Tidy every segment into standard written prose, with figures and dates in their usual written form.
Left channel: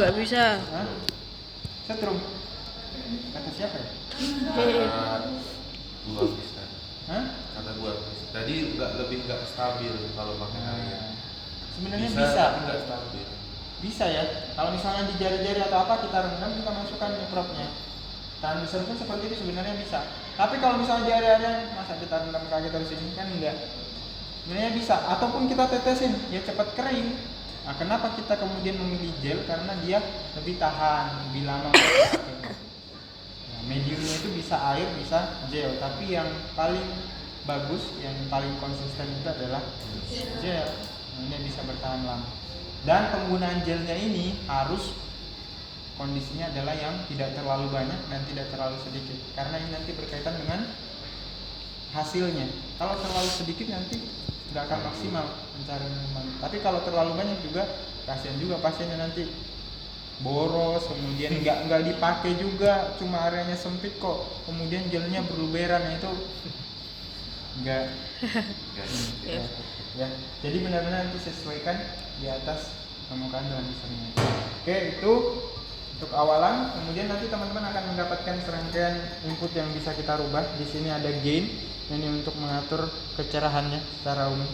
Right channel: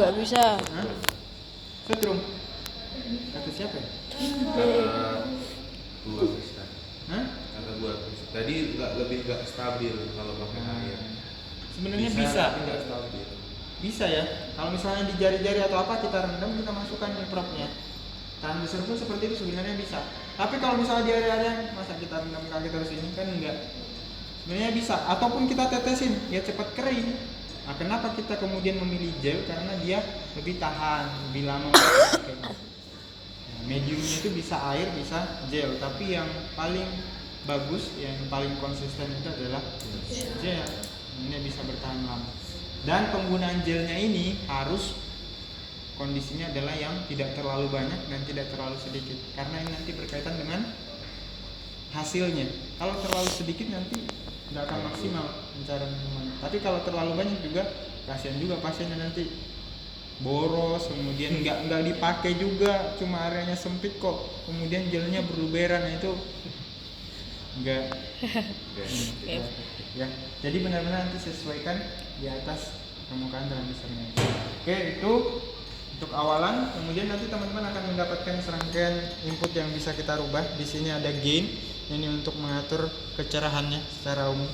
Nggak bisa. Hah? Setrum. Kata siapa ya? Dua bisa. Hah? Kata gua tadi lebih nggak stabil kalau pakai air. Sebenarnya bisa. Nggak stabil. Bisa ya. Kalau misalnya di jari-jari atau apa kita rendam, kita masukkan mikropnya. Transducer pun seperti itu sebenarnya bisa. Tapi kalau misalnya di area-area masa kita rendam kaki terus ini kan enggak. Sebenarnya bisa. Ataupun kita tetesin, ya cepat kering. Nah, kenapa kita kemudian memilih gel? Karena dia lebih tahan, lebih lama. Nah, mediumnya itu bisa air, bisa gel. Tapi yang paling bagus, yang paling konsisten itu adalah gel. Ini bisa bertahan lama. Dan penggunaan gelnya ini harus kondisinya adalah yang tidak terlalu banyak dan tidak terlalu sedikit, karena ini nanti berkaitan dengan hasilnya. Kalau terlalu sedikit nanti nggak akan maksimal mencari minuman. Tapi kalau terlalu banyak juga kasihan juga pasiennya nanti boros, kemudian nggak dipakai juga, cuma areanya sempit kok, kemudian gelnya berluberan, itu enggak. Ya, jadi benar-benar nanti sesuaikan di atas permukaan transducernya. Oke, itu untuk awalan. Kemudian nanti teman-teman akan mendapatkan serangkaian input yang bisa kita rubah. Di sini ada gain, ini untuk mengatur kecerahannya secara umum.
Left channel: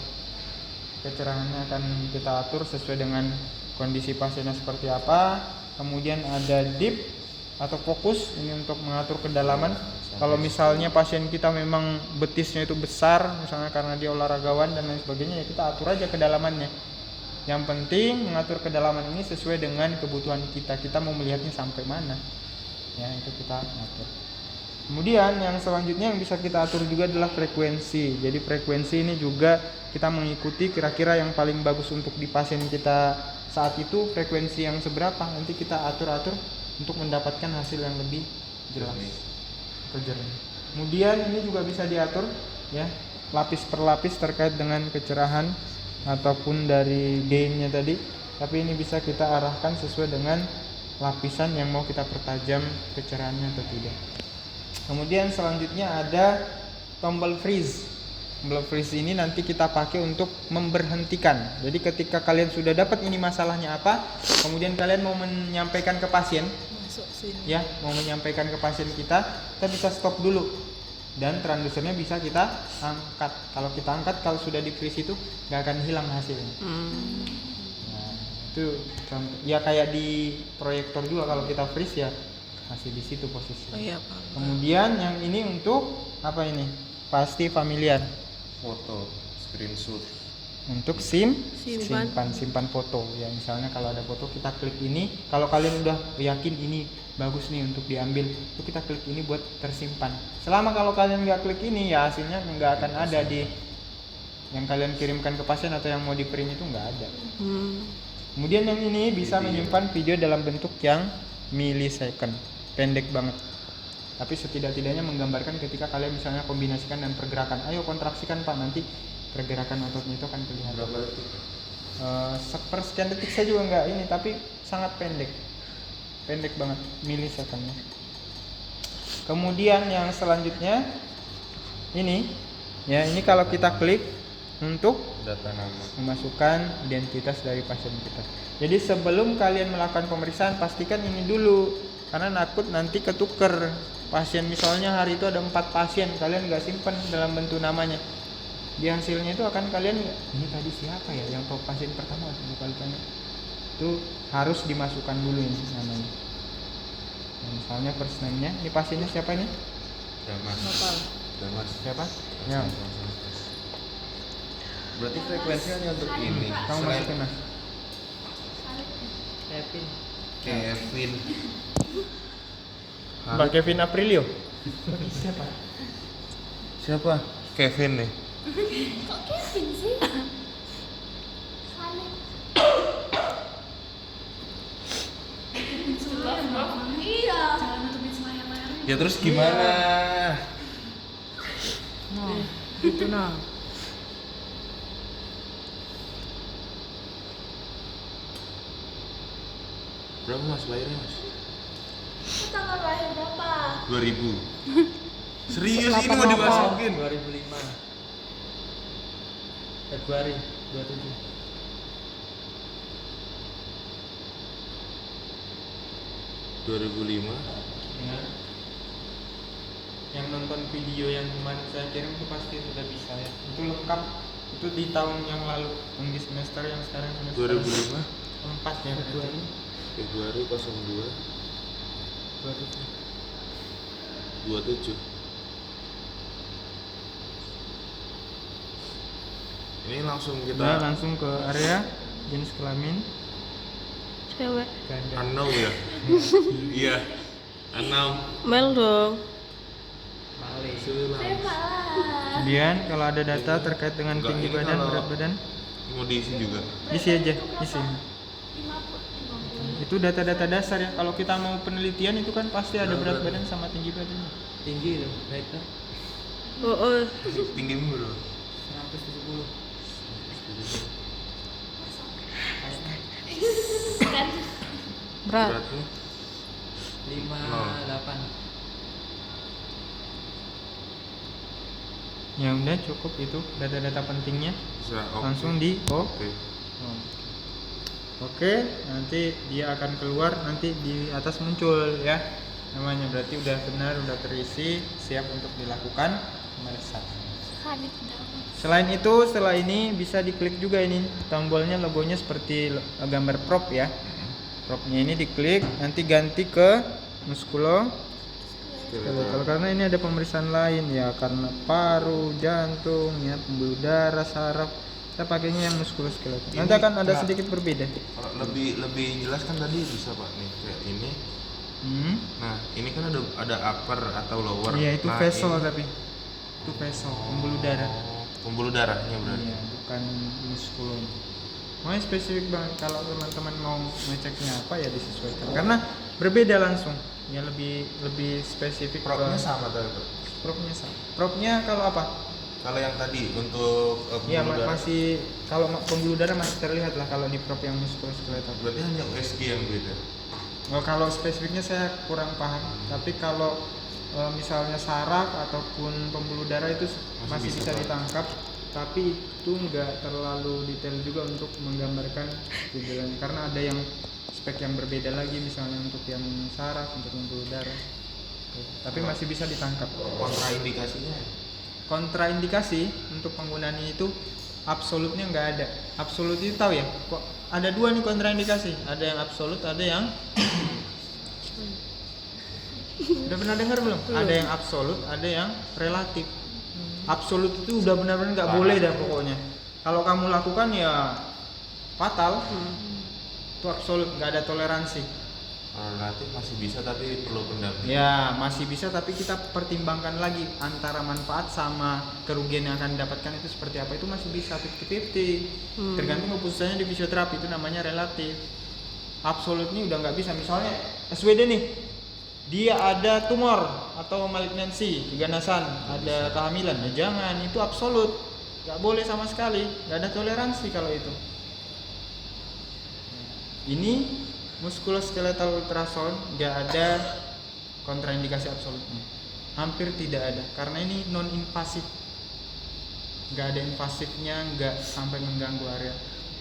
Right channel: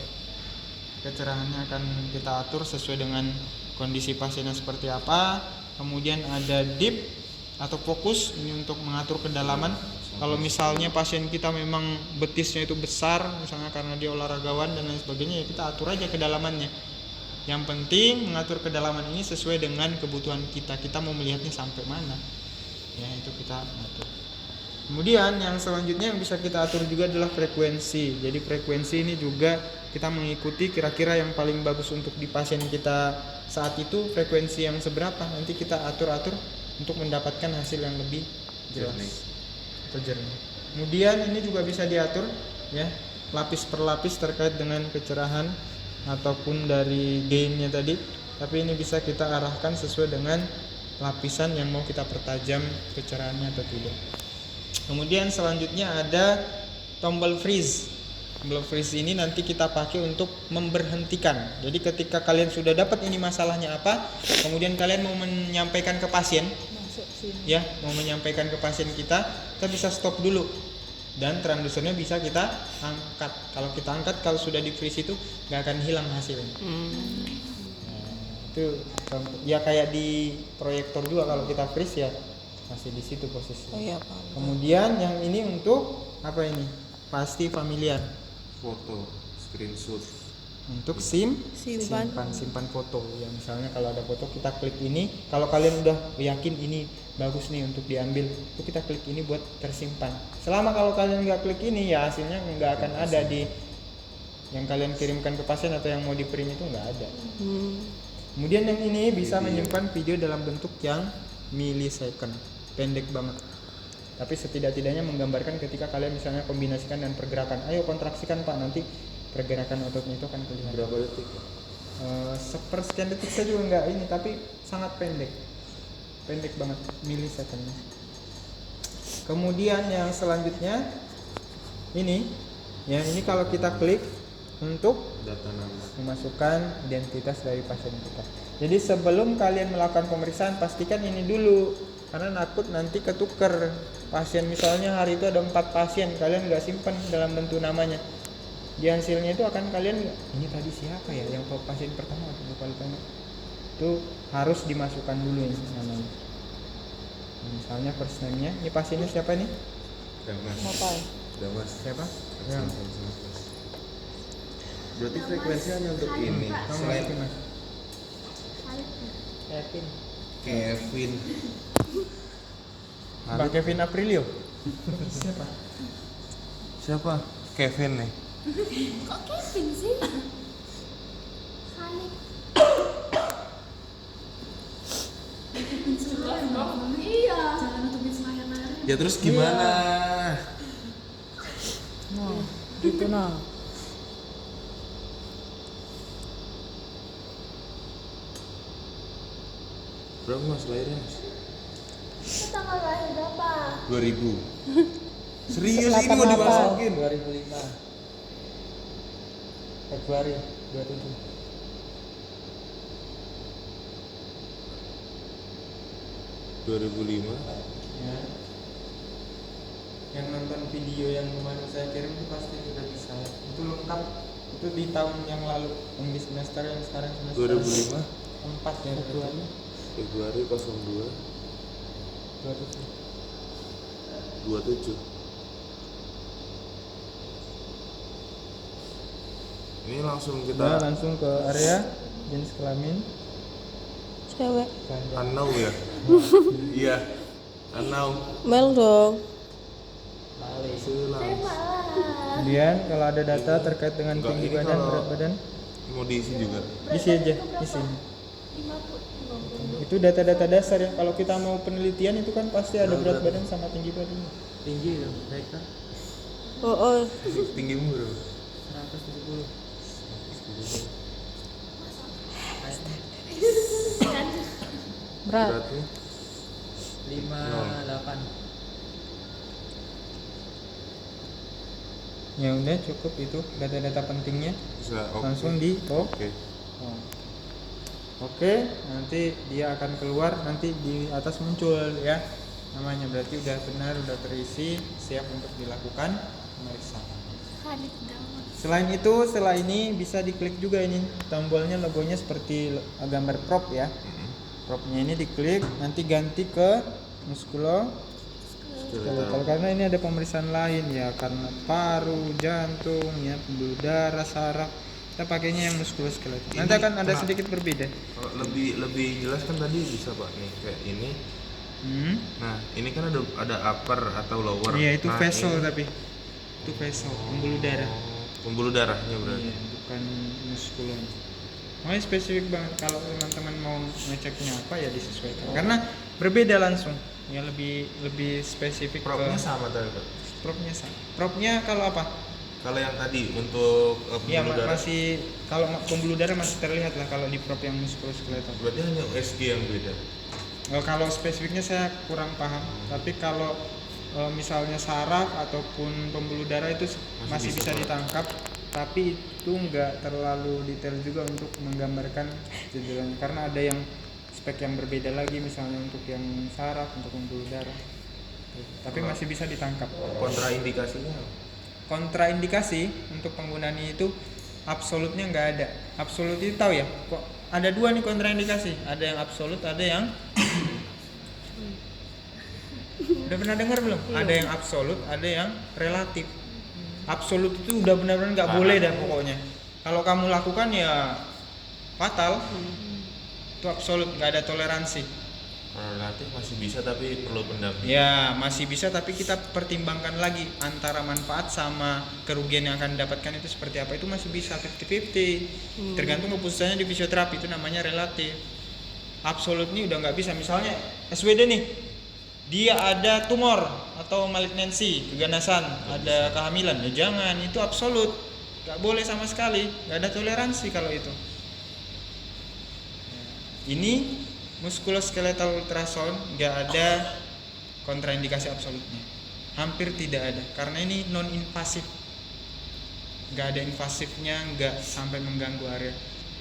Kecerahannya akan kita atur sesuai dengan kondisi pasiennya seperti apa. Kemudian ada deep atau fokus, ini untuk mengatur kedalaman. Kalau misalnya pasien kita memang betisnya itu besar, misalnya karena dia olahragawan dan lain sebagainya, ya kita atur aja kedalamannya. Yang penting mengatur kedalaman ini sesuai dengan kebutuhan kita. Kita mau melihatnya sampai mana, ya itu kita atur. Kemudian yang selanjutnya yang bisa kita atur juga adalah frekuensi. Jadi frekuensi ini juga kita mengikuti kira-kira yang paling bagus untuk di pasien kita saat itu, frekuensi yang seberapa nanti kita atur-atur untuk mendapatkan hasil yang lebih jelas atau jernih. Kemudian ini juga bisa diatur ya, lapis per lapis terkait dengan kecerahan ataupun dari gainnya tadi. Tapi ini bisa kita arahkan sesuai dengan lapisan yang mau kita pertajam kecerahannya atau tidak. Kemudian selanjutnya ada tombol freeze. Tombol freeze ini nanti kita pakai untuk memberhentikan. Jadi ketika kalian sudah dapat ini masalahnya apa, kemudian kalian mau menyampaikan ke pasien, ya, mau menyampaikan ke pasien kita bisa stop dulu. Dan transducernya bisa kita angkat. Kalau kita angkat, kalau sudah di freeze itu nggak akan hilang hasilnya. Nah, itu ya kayak di proyektor juga, kalau kita freeze ya masih di situ posisi. Oh iya, Pak. Kemudian yang ini untuk apa ini? Pasti familiar. Foto, screenshot. Untuk Simpan foto. Ya misalnya kalau ada foto kita klik ini. Kalau kalian udah yakin ini bagus nih untuk diambil, itu kita klik ini buat tersimpan. Selama kalau kalian nggak klik ini, ya hasilnya nggak akan ada di yang kalian kirimkan ke pasien atau yang mau di print itu nggak ada. Kemudian yang ini bisa menyimpan video dalam bentuk yang millisecond, pendek banget. Tapi setidak-tidaknya menggambarkan ketika kalian misalnya kombinasikan dan pergerakan. Ayo kontraksikan Pak, nanti pergerakan ototnya itu akan kelihatan. Berapa detik? Sepersekian detik saya juga nggak ini, tapi sangat pendek banget, millisecondnya. Kemudian yang selanjutnya ini, ya ini kalau kita klik untuk Data nama. memasukkan identitas dari pasien kita. Jadi sebelum kalian melakukan pemeriksaan, pastikan ini dulu, karena nakut nanti ketuker pasien. Misalnya hari itu ada 4 pasien, kalian nggak simpan dalam bentuk namanya, di hasilnya itu akan kalian, ini tadi siapa ya yang tahu pasien pertama, itu harus dimasukkan dulu ini. Misalnya first name-nya, ini pasiennya siapa ini? Batal. Siapa? Ya. Berarti frekuensinya untuk ini. Kamu masukin Mas. Kevin. Bang Kevin Aprilio. Siapa? Kevin nih. Kok Kevin sih? Saleh. Iya. Jangan nutupin layar-layarnya. Ya terus gimana? Nah, gitu nah. Berapa Mas lahirnya Mas? Itu tanggal lahir berapa? 2000. Serius ini mau dimasukin? 2005 Februari 27. 2005. Ya. Yang nonton video yang kemarin saya kirim itu pasti sudah bisa ya. Itu lengkap. Itu di tahun yang lalu, yang di semester yang sekarang semester 2005 4 ya. Februari. Februari 02 27. Ini langsung Kita kita langsung ke area jenis kelamin Cewek. ganda. anau ya. Iya. Anau. Mel dong. Silang. Terima lah. Kemudian kalau ada data terkait dengan Enggak, tinggi ini badan, kalau- berat badan, Mau diisi juga. isi aja, isi. 50. Itu data-data dasar ya. Kalau kita mau penelitian itu kan pasti ada berat Berat. badan sama tinggi badan. Tinggi dong, naik kan? Oh. Tinggimu bro. 170. Kan Berat. Beratnya 58. Ya udah cukup itu data-data pentingnya. bisa oke. Langsung di Oke. Oke, nanti dia akan keluar, nanti di atas muncul ya namanya, berarti udah benar, udah terisi, siap untuk dilakukan pemeriksaan. Hadit daun. Selain itu, setelah ini bisa diklik juga ini tombolnya, logonya seperti gambar prop ya. Propnya ini diklik, nanti ganti ke muskuloskeletal Skeletal. karena ini ada pemeriksaan lain ya, karena paru, jantung, ya pembuluh darah, saraf. Kita pakainya yang muskuloskeletal. Ini Nanti akan ada kena- sedikit berbeda. Kalau lebih jelas kan tadi bisa pak nih kayak ini. Nah ini kan ada upper atau lower. Iya itu Nah, vessel ini- tapi itu vessel pembuluh darah. Oh, pembuluh darahnya berarti. Iya, bukan muskulon. Makanya spesifik bang, kalau teman-teman mau ngeceknya apa ya disesuaikan. Karena berbeda langsung, ya lebih spesifik. Propnya ke sama tadi pak. propnya sama. Propnya kalau apa? Kalau yang tadi untuk Ya pembuluh darah masih, kalau pembuluh darah masih terlihat lah kalau di prop yang muskuloskeletal. berarti hanya USG yang beda. Oh, kalau spesifiknya saya kurang paham. Tapi kalau misalnya saraf ataupun pembuluh darah itu masih bisa Pak. ditangkap, tapi itu nggak terlalu detail juga untuk menggambarkan gejalanya, karena ada yang spek yang berbeda lagi, misalnya untuk yang saraf, untuk pembuluh darah. Tapi masih bisa ditangkap. Kontraindikasinya Kontraindikasi untuk penggunaan itu absolutnya nggak ada. Absolut itu tahu ya? Kok ada dua nih kontraindikasi. Ada yang absolut, ada yang udah pernah dengar belum? Ada yang absolut, ada yang relatif. Absolut itu udah benar-benar nggak boleh dah pokoknya. Kalau kamu lakukan ya fatal. Itu absolut, nggak ada toleransi. relatif masih bisa tapi perlu pendampingan. Ya masih bisa, tapi kita pertimbangkan lagi antara manfaat sama kerugian yang akan didapatkan itu seperti apa. Itu masih bisa 50-50. Tergantung keputusannya di fisioterapi, itu namanya relatif. Absolut nih udah nggak bisa. Misalnya SWD nih, dia ada tumor atau malignansi, keganasan, ada kehamilan, ya jangan, itu absolut, nggak boleh sama sekali, nggak ada toleransi kalau itu. Ini muskuloskeletal ultrasound nggak ada kontraindikasi absolutnya, hampir tidak ada, karena ini non invasif, nggak ada invasifnya, nggak sampai mengganggu area.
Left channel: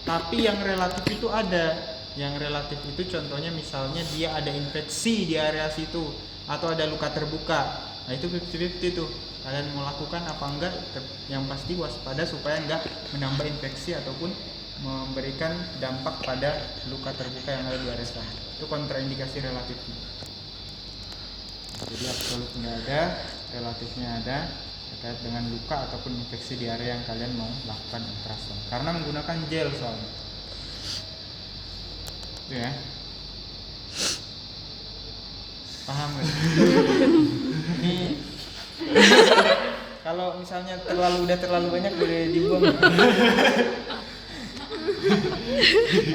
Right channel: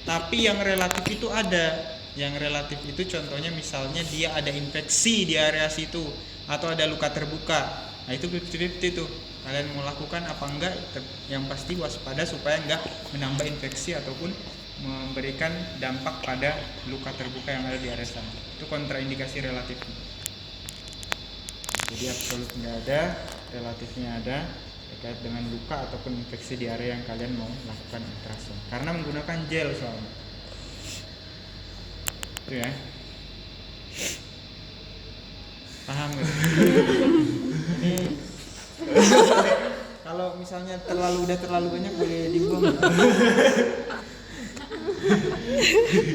Tapi yang relatif itu ada. Yang relatif itu contohnya misalnya dia ada infeksi di area situ atau ada luka terbuka. Nah itu 50-50 tuh. Kalian mau lakukan apa enggak? Yang pasti waspada supaya enggak menambah infeksi ataupun memberikan dampak pada luka terbuka yang ada di area sana. Itu kontraindikasi relatif. Jadi absolut nggak ada, relatifnya ada terkait dengan luka ataupun infeksi di area yang kalian mau lakukan ultrasound. Karena menggunakan gel soalnya. Itu ya. Paham gak? Ini kalau misalnya udah terlalu banyak boleh dibuang.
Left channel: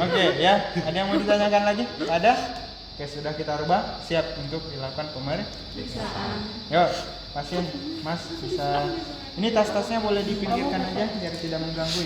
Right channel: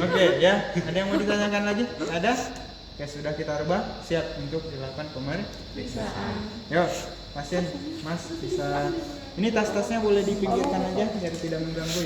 Oke ya, ada yang mau ditanyakan lagi? Ada? Oke, sudah kita rubah, siap untuk dilakukan pemeriksaan. Yuk, pasien, Mas bisa. Ini tas-tasnya boleh dipinggirkan aja biar tidak mengganggu.